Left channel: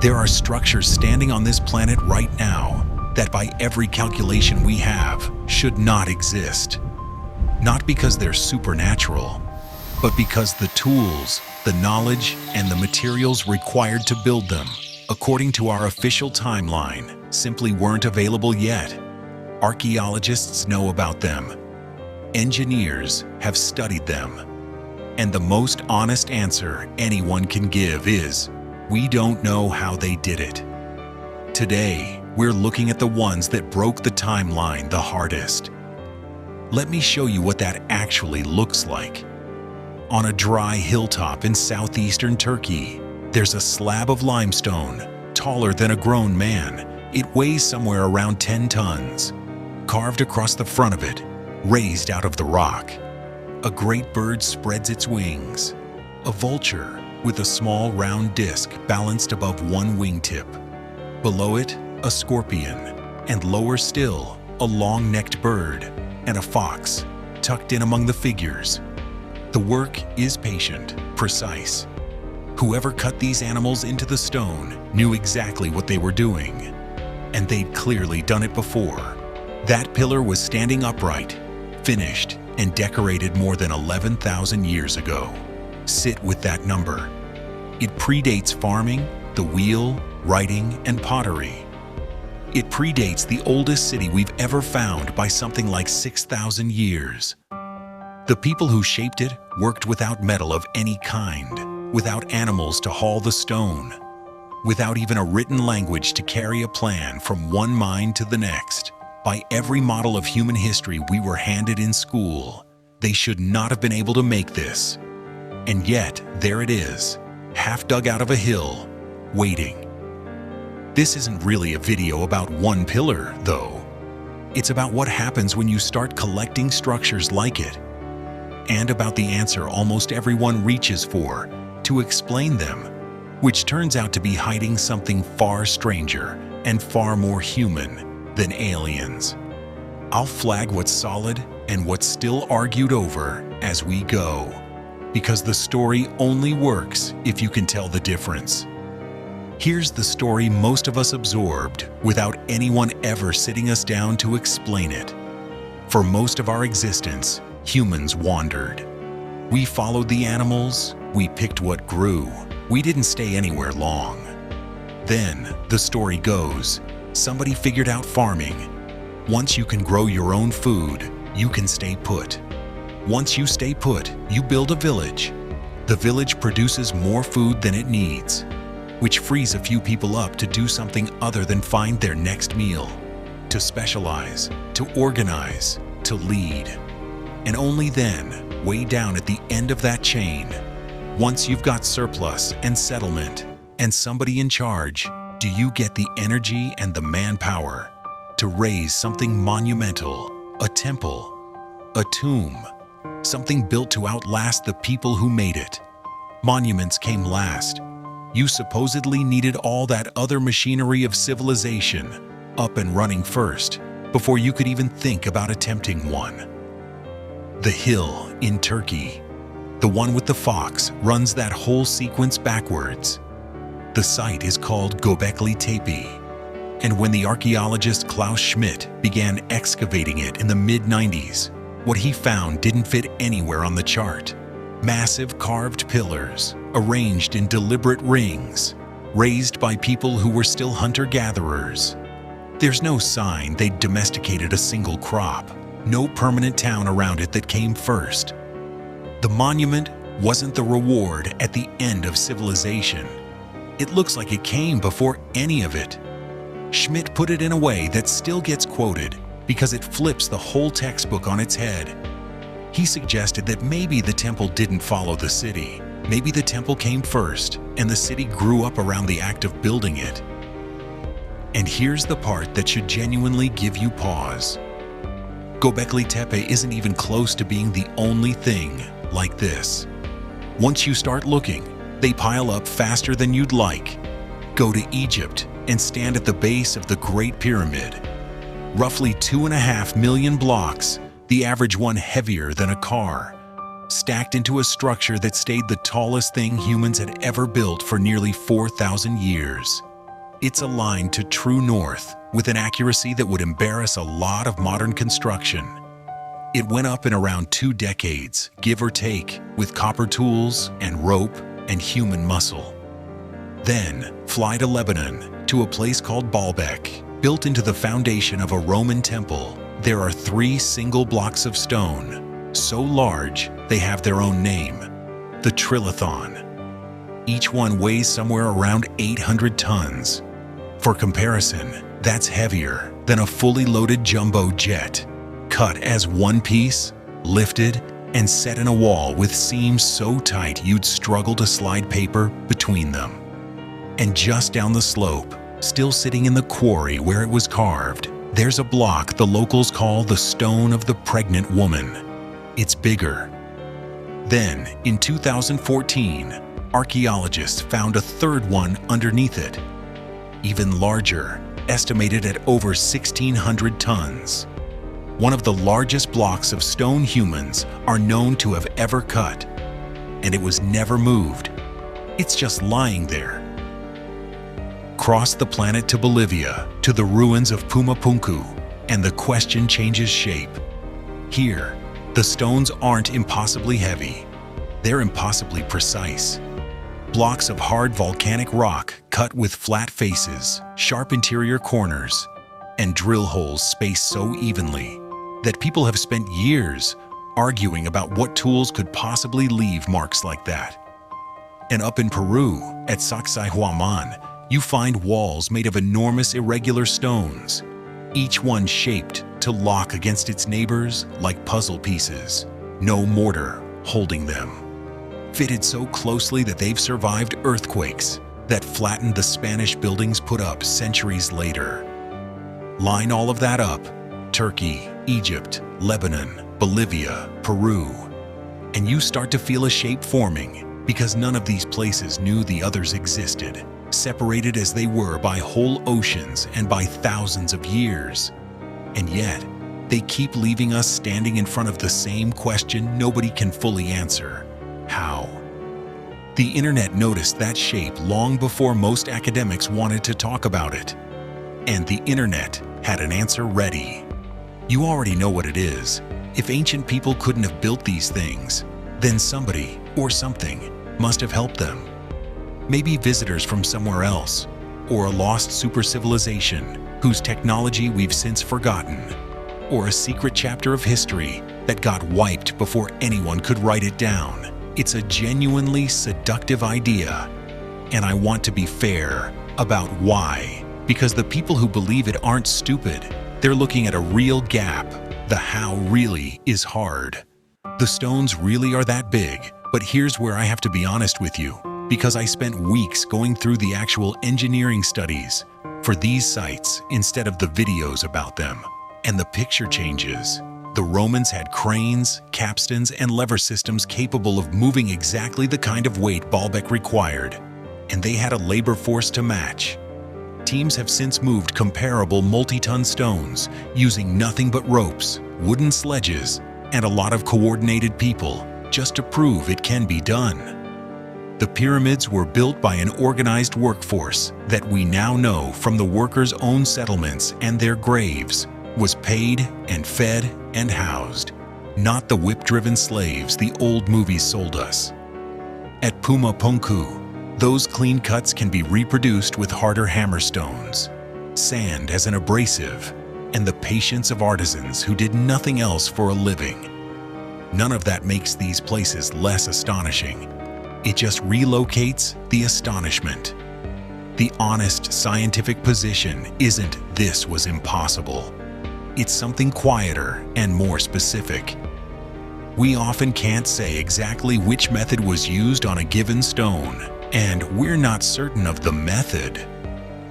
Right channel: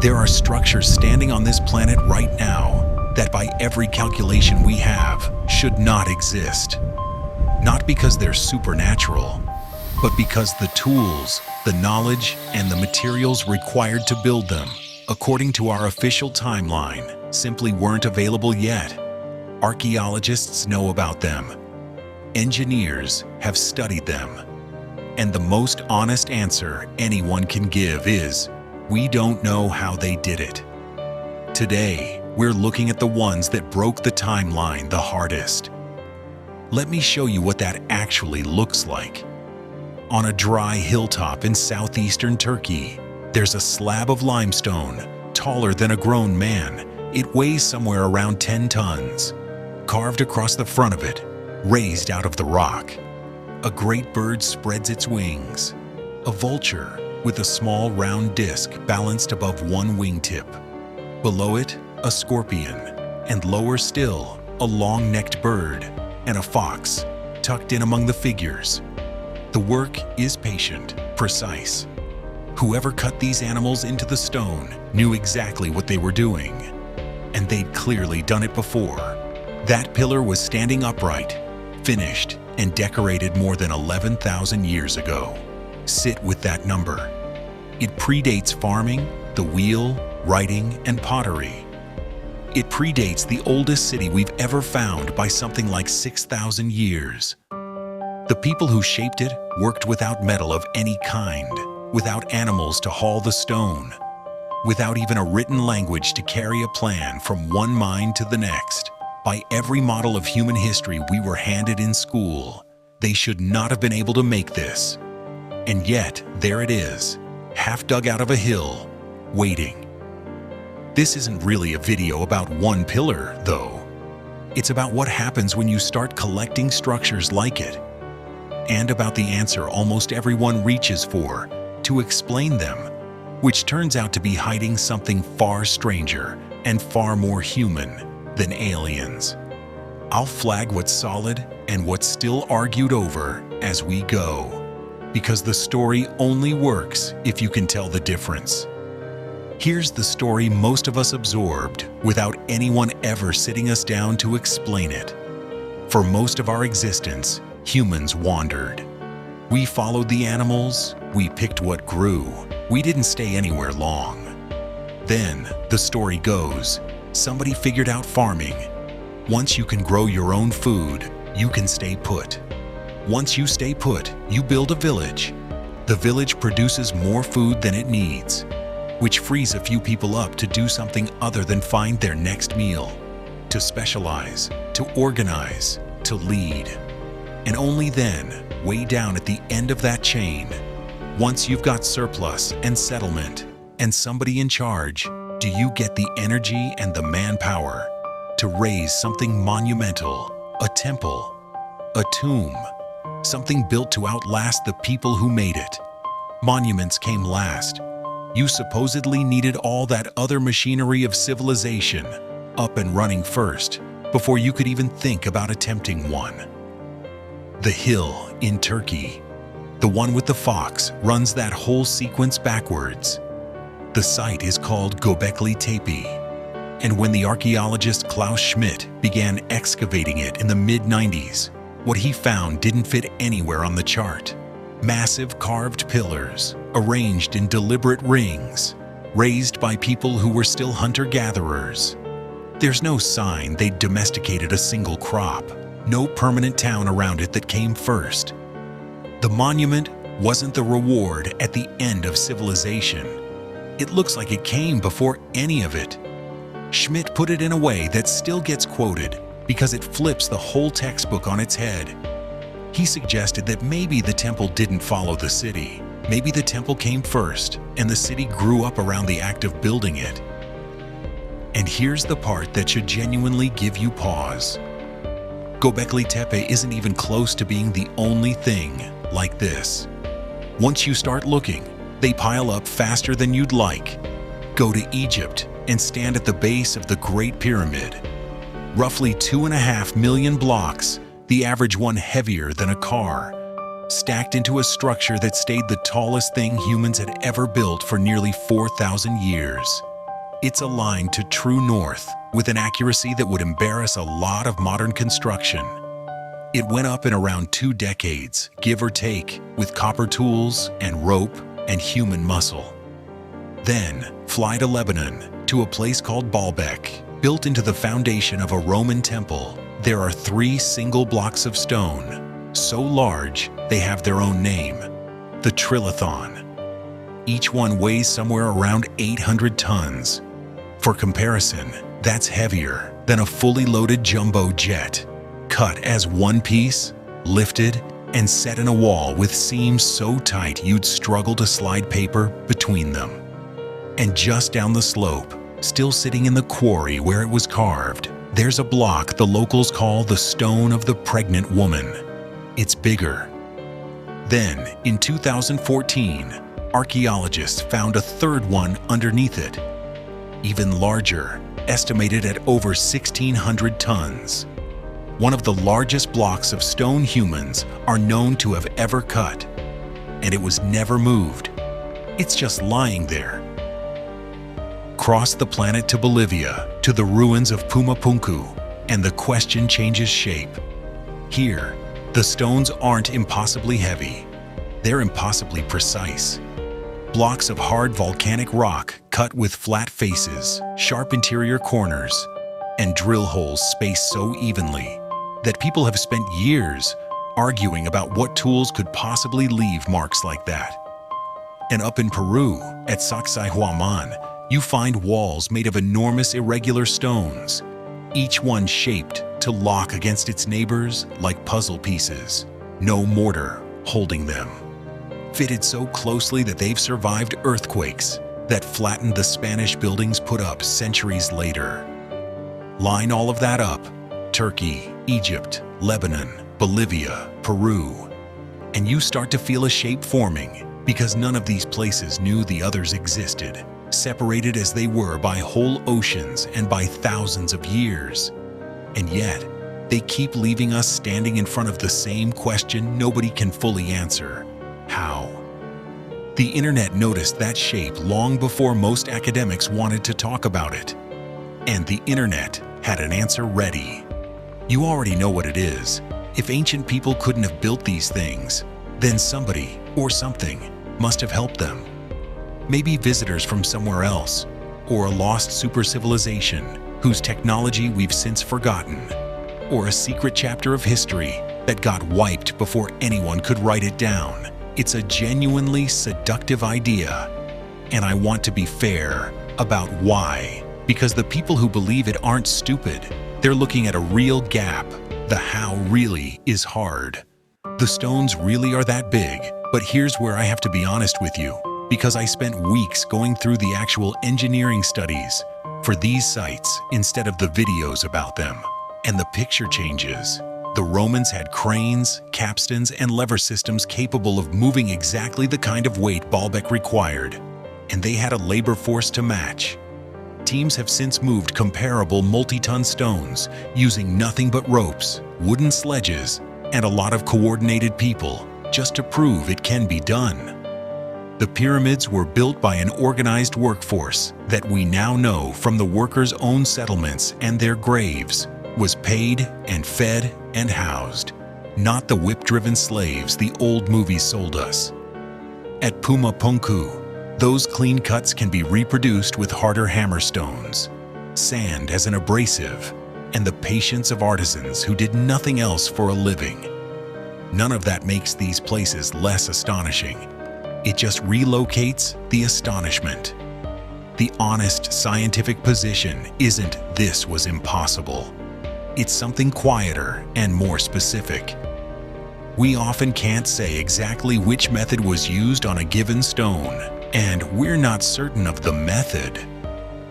There are structures standing on this planet right now that by every calculation we have should not exist. Not because they're supernatural, but because the tools, the knowledge, and the materials required to build them, according to our official timeline, simply weren't available yet. Archaeologists know about them. Engineers have studied them. And the most honest answer anyone can give is, we don't know how they did it. Today, we're looking at the ones that broke the timeline the hardest. Let me show you what that actually looks like. On a dry hilltop in southeastern Turkey, there's a slab of limestone, taller than a grown man. It weighs somewhere around 10 tons. Carved across the front of it, raised out of the rock, a great bird spreads its wings. A vulture with a small round disc balanced above one wingtip. Below it, a scorpion, and lower still, a long-necked bird and a fox tucked in among the figures. The work is patient, precise. Whoever cut these animals into the stone knew exactly what they were doing, and they'd clearly done it before. That pillar was standing upright, finished, and decorated more than 11,000 years ago. Sit with that number. It predates farming, the wheel, writing, and pottery. It predates the oldest city we've ever found by something like 6,000 years. The people who shaped it worked without metal of any kind, without animals to haul the stone, without even a written language to carry a plan from one mind to the next. By every model of human history we were handed in school, they should not have been able to make this. And yet, there it is, half dug out of a hill, waiting. This isn't really a video about one pillar, though. It's about what happens when you start collecting structures like it, and about the answer almost everyone reaches for, to explain them, which turns out to be hiding something far stranger and far more human than aliens. I'll flag what's solid and what's still argued over as we go, because the story only works if you can tell the difference. Here's the story most of us absorbed without anyone ever sitting us down to explain it. For most of our existence, humans wandered. We followed the animals, we picked what grew. We didn't stay anywhere long. Then, the story goes, somebody figured out farming. Once you can grow your own food, you can stay put. Once you stay put, you build a village. The village produces more food than it needs, which frees a few people up to do something other than find their next meal, to specialize, to organize, to lead. And only then, way down at the end of that chain, once you've got surplus and settlement and somebody in charge, do you get the energy and the manpower to raise something monumental, a temple, a tomb, something built to outlast the people who made it. Monuments came last. You supposedly needed all that other machinery of civilization up and running first, before you could even think about attempting one. The hill in Turkey, the one with the fox, runs that whole sequence backwards. The site is called Göbekli Tepe, and when the archaeologist Klaus Schmidt began excavating it in the mid-90s, what he found didn't fit anywhere on the chart. Massive carved pillars, arranged in deliberate rings, raised by people who were still hunter-gatherers. There's no sign they'd domesticated a single crop, no permanent town around it that came first. The monument wasn't the reward at the end of civilization. It looks like it came before any of it. Schmidt put it in a way that still gets quoted because it flips the whole textbook on its head. He suggested that maybe the temple didn't follow the city. Maybe the temple came first and the city grew up around the act of building it. And here's the part that should genuinely give you pause. Göbekli Tepe isn't even close to being the only thing like this. Once you start looking, they pile up faster than you'd like. Go to Egypt and stand at the base of the Great Pyramid. Roughly 2.5 million blocks, the average one heavier than a car, stacked into a structure that stayed the tallest thing humans had ever built for nearly 4,000 years. It's aligned to true north with an accuracy that would embarrass a lot of modern construction. It went up in around 2 decades, give or take, with copper tools and rope and human muscle. Then, fly to Lebanon, to a place called Baalbek. Built into the foundation of a Roman temple, there are 3 single blocks of stone, so large they have their own name, the Trilithon. Each one weighs somewhere around 800 tons. For comparison, that's heavier than a fully loaded jumbo jet, cut as one piece, lifted, and set in a wall with seams so tight you'd struggle to slide paper between them. And just down the slope, still sitting in the quarry where it was carved, there's a block the locals call the Stone of the Pregnant Woman. It's bigger. Then, in 2014, archaeologists found a third one underneath it, even larger, estimated at over 1,600 tons. One of the largest blocks of stone humans are known to have ever cut, and it was never moved. It's just lying there. Cross the planet to Bolivia, to the ruins of Puma Punku, and the question changes shape. Here, the stones aren't impossibly heavy. They're impossibly precise. Blocks of hard volcanic rock cut with flat faces, sharp interior corners, and drill holes spaced so evenly that people have spent years arguing about what tools could possibly leave marks like that. And up in Peru, at Sacsayhuaman, you find walls made of enormous irregular stones, each one shaped to lock against its neighbors like puzzle pieces, no mortar holding them. Fitted so closely that they've survived earthquakes that flattened the Spanish buildings put up centuries later. Line all of that up, Turkey, Egypt, Lebanon, Bolivia, Peru, and you start to feel a shape forming because none of these places knew the others existed, separated as they were by whole oceans and by thousands of years. And yet, they keep leaving us standing in front of the same question nobody can fully answer. How? The internet noticed that shape long before most academics wanted to talk about it. And the internet had an answer ready. You already know what it is. If ancient people couldn't have built these things, then somebody or something must have helped them. Maybe visitors from somewhere else, or a lost super civilization whose technology we've since forgotten, or a secret chapter of history that got wiped before anyone could write it down. It's a genuinely seductive idea, and I want to be fair about why. Because the people who believe it aren't stupid. They're looking at a real gap. The how really is hard. The stones really are that big, but here's where I have to be honest with you, because I spent weeks going through the actual engineering studies for these sites instead of the videos about them. And the picture changes. The Romans had cranes, capstans, and lever systems capable of moving exactly the kind of weight Baalbek required, and they had a labor force to match. Teams have since moved comparable multi-ton stones using nothing but ropes, wooden sledges, and a lot of coordinated people just to prove it can be done. The pyramids were built by an organized workforce that we now know from the workers' own settlements and their graves was paid and fed and housed, not the whip-driven slaves the old movies sold us. At Puma Punku, those clean cuts can be reproduced with harder hammerstones, sand as an abrasive, and the patience of artisans who did nothing else for a living. None of that makes these places less astonishing. It just relocates the astonishment. The honest scientific position isn't "this was impossible." It's something quieter and more specific. We often can't say exactly which method was used on a given stone, and "we're not certain of the method"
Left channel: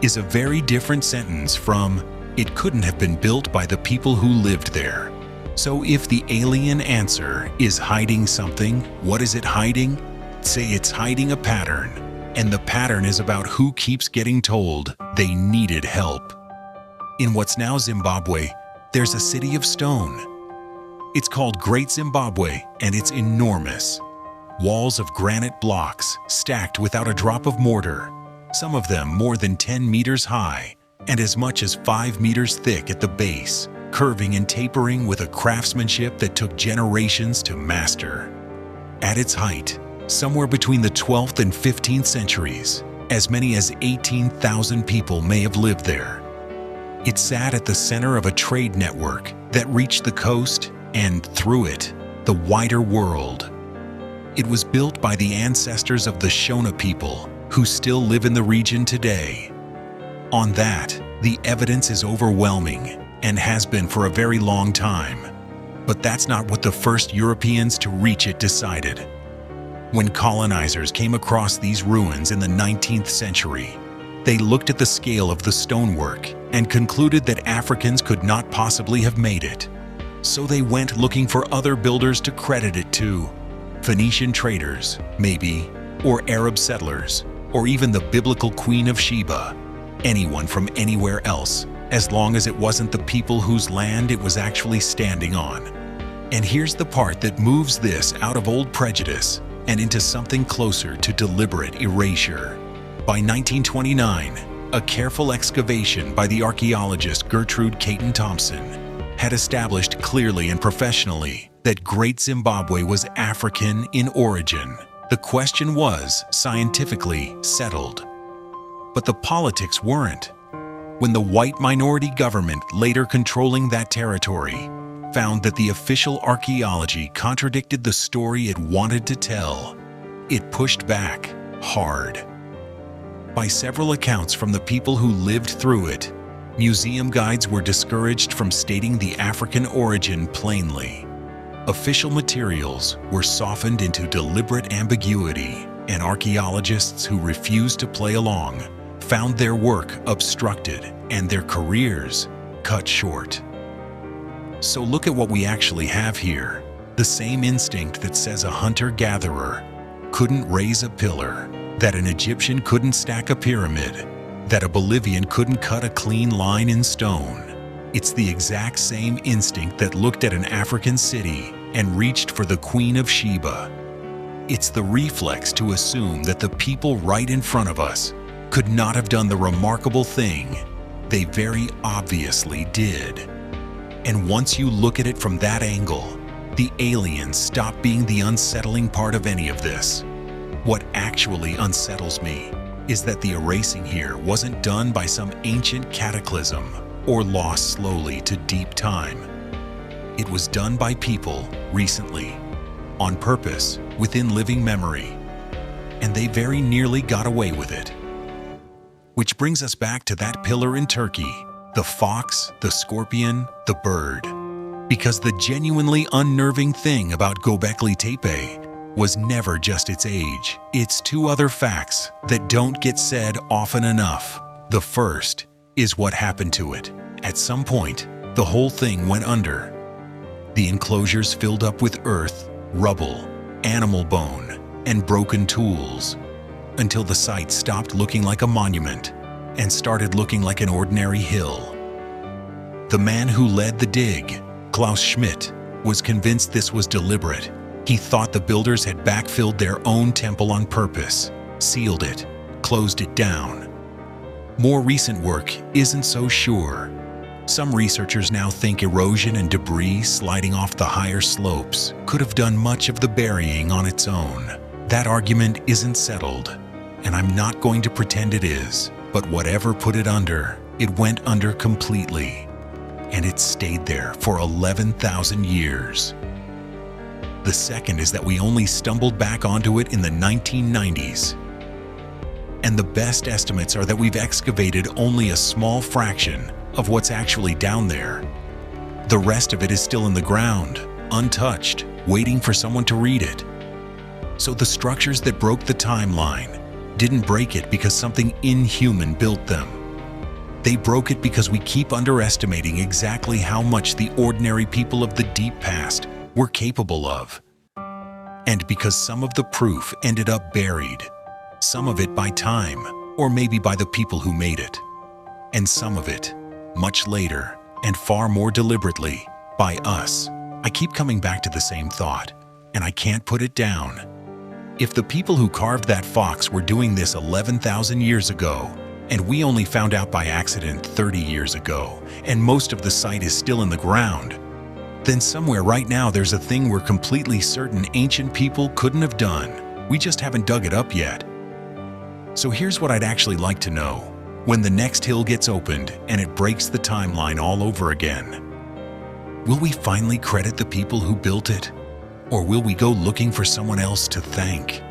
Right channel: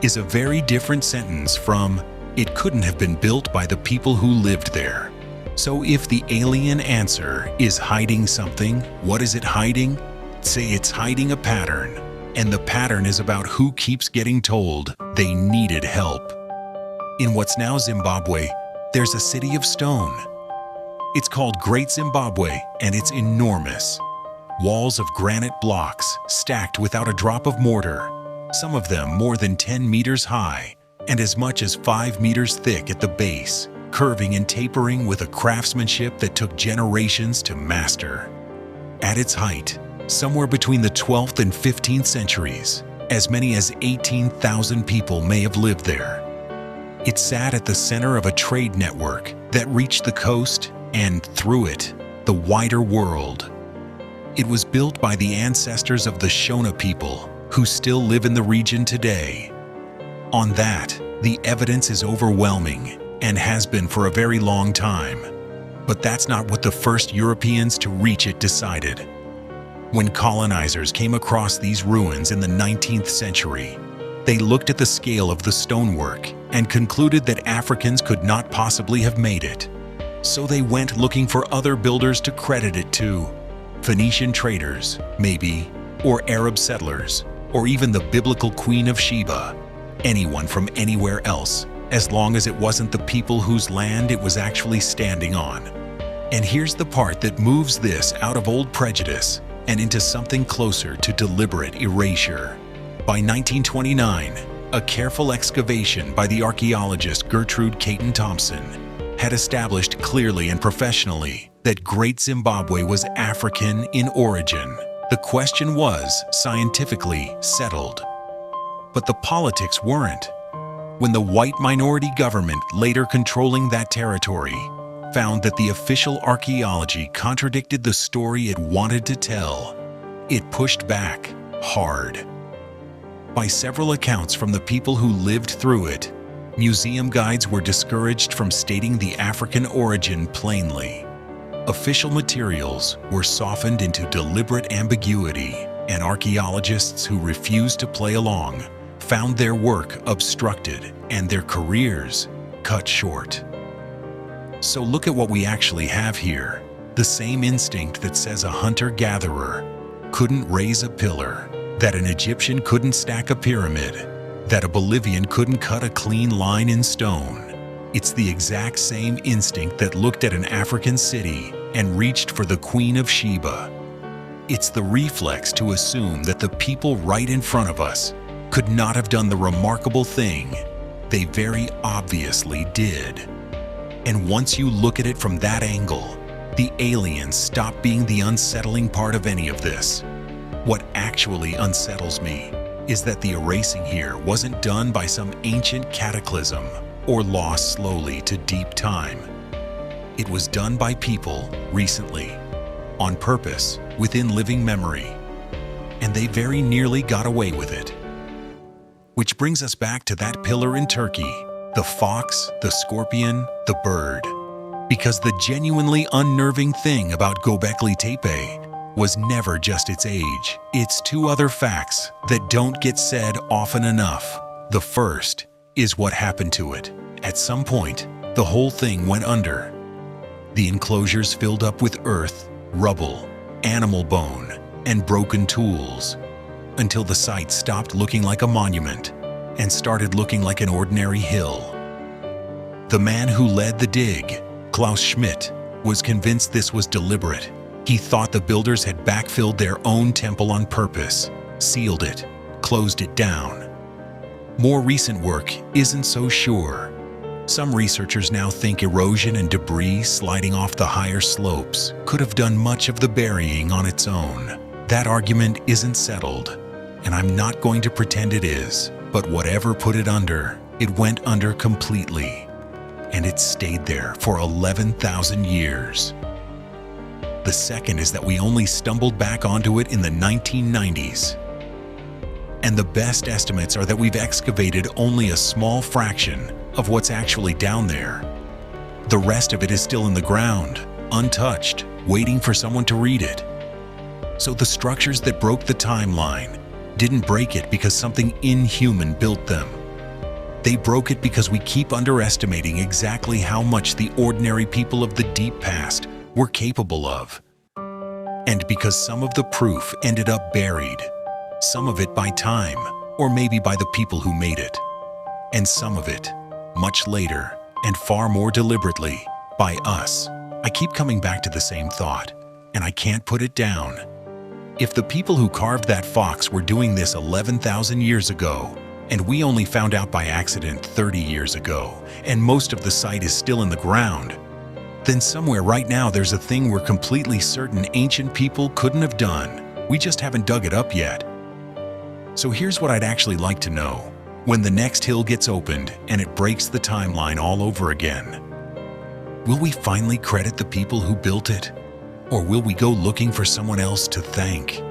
is a very different sentence from "it couldn't have been built by the people who lived there." So if the alien answer is hiding something, what is it hiding? Say it's hiding a pattern, and the pattern is about who keeps getting told they needed help. In what's now Zimbabwe, there's a city of stone. It's called Great Zimbabwe, and it's enormous. Walls of granite blocks stacked without a drop of mortar. some of them more than 10 meters high and as much as 5 meters thick at the base, curving and tapering with a craftsmanship that took generations to master. At its height, somewhere between the 12th and 15th centuries, as many as 18,000 people may have lived there. It sat at the center of a trade network that reached the coast and, through it, the wider world. It was built by the ancestors of the Shona people, who still live in the region today. On that, the evidence is overwhelming and has been for a very long time. But that's not what the first Europeans to reach it decided. When colonizers came across these ruins in the 19th century, they looked at the scale of the stonework and concluded that Africans could not possibly have made it. So they went looking for other builders to credit it to. Phoenician traders, maybe, or Arab settlers, or even the biblical Queen of Sheba. Anyone from anywhere else, as long as it wasn't the people whose land it was actually standing on. And here's the part that moves this out of old prejudice and into something closer to deliberate erasure. By 1929, a careful excavation by the archaeologist Gertrude Caton-Thompson had established clearly and professionally that Great Zimbabwe was African in origin. The question was scientifically settled. But the politics weren't. When the white minority government later controlling that territory found that the official archaeology contradicted the story it wanted to tell, it pushed back hard. By several accounts from the people who lived through it, museum guides were discouraged from stating the African origin plainly. Official materials were softened into deliberate ambiguity, and archaeologists who refused to play along found their work obstructed and their careers cut short. So look at what we actually have here. The same instinct that says a hunter-gatherer couldn't raise a pillar, that an Egyptian couldn't stack a pyramid, that a Bolivian couldn't cut a clean line in stone. It's the exact same instinct that looked at an African city and reached for the Queen of Sheba. It's the reflex to assume that the people right in front of us could not have done the remarkable thing they very obviously did. And once you look at it from that angle, the aliens stop being the unsettling part of any of this. What actually unsettles me is that the erasing here wasn't done by some ancient cataclysm or lost slowly to deep time. It was done by people recently, on purpose, within living memory, and they very nearly got away with it. Which brings us back to that pillar in Turkey, the fox, the scorpion, the bird. Because the genuinely unnerving thing about Göbekli Tepe was never just its age. It's two other facts that don't get said often enough. The first is what happened to it. At some point, the whole thing went under. The enclosures filled up with earth, rubble, animal bone, and broken tools, until the site stopped looking like a monument and started looking like an ordinary hill. The man who led the dig, Klaus Schmidt, was convinced this was deliberate. He thought the builders had backfilled their own temple on purpose, sealed it, closed it down. More recent work isn't so sure. Some researchers now think erosion and debris sliding off the higher slopes could have done much of the burying on its own. That argument isn't settled, and I'm not going to pretend it is, but whatever put it under, it went under completely, and it stayed there for 11,000 years. The second is that we only stumbled back onto it in the 1990s. And the best estimates are that we've excavated only a small fraction of what's actually down there. The rest of it is still in the ground, untouched, waiting for someone to read it. So the structures that broke the timeline didn't break it because something inhuman built them. They broke it because we keep underestimating exactly how much the ordinary people of the deep past were capable of. And because some of the proof ended up buried, some of it by time, or maybe by the people who made it, and some of it, much later, and far more deliberately, by us. I keep coming back to the same thought, and I can't put it down. If the people who carved that fox were doing this 11,000 years ago, and we only found out by accident 30 years ago, and most of the site is still in the ground, then somewhere right now there's a thing we're completely certain ancient people couldn't have done. We just haven't dug it up yet. So here's what I'd actually like to know. When the next hill gets opened and it breaks the timeline all over again, will we finally credit the people who built it? Or will we go looking for someone else to thank?